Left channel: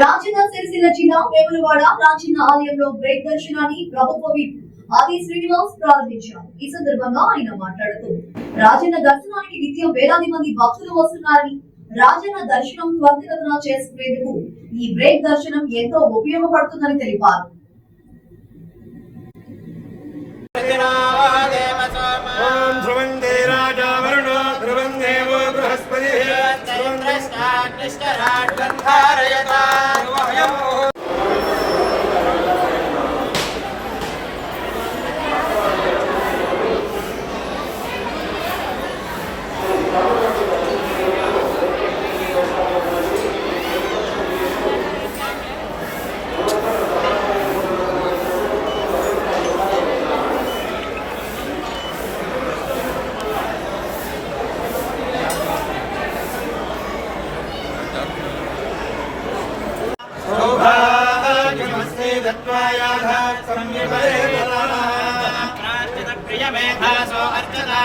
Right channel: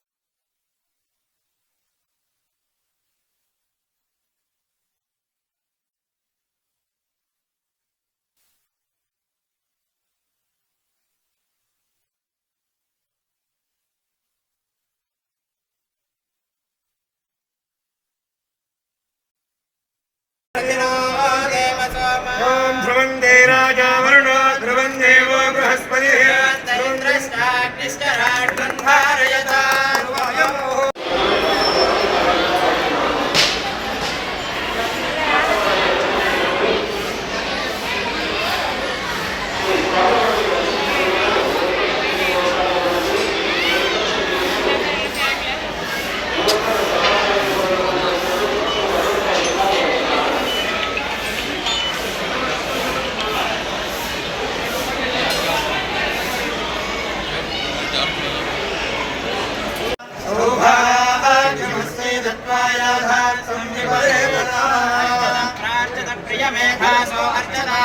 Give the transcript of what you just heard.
రాజన్న సిరిసిల్ల జిల్లా వేములవాడ రాజన్న ఆలయంలో బ్రేక్ దర్శనాన్ని ప్రభుత్వ విప్ ఆది శ్రీనివాస్ ప్రారంభించారు. ఈ సందర్భంగా ఆయన మాట్లాడుతూ రాజన్న దర్శనానికి నిత్యం వేలాది మంది భక్తులు వస్తున్నారని, రాజన్న దర్శనం త్వరితగతిన చేసుకునేందుకు ఈ బ్రేక్ దర్శనం ఎంతో ఉపయోగపడుతుందని తెలిపారు. प्रियमेधासो अर्चना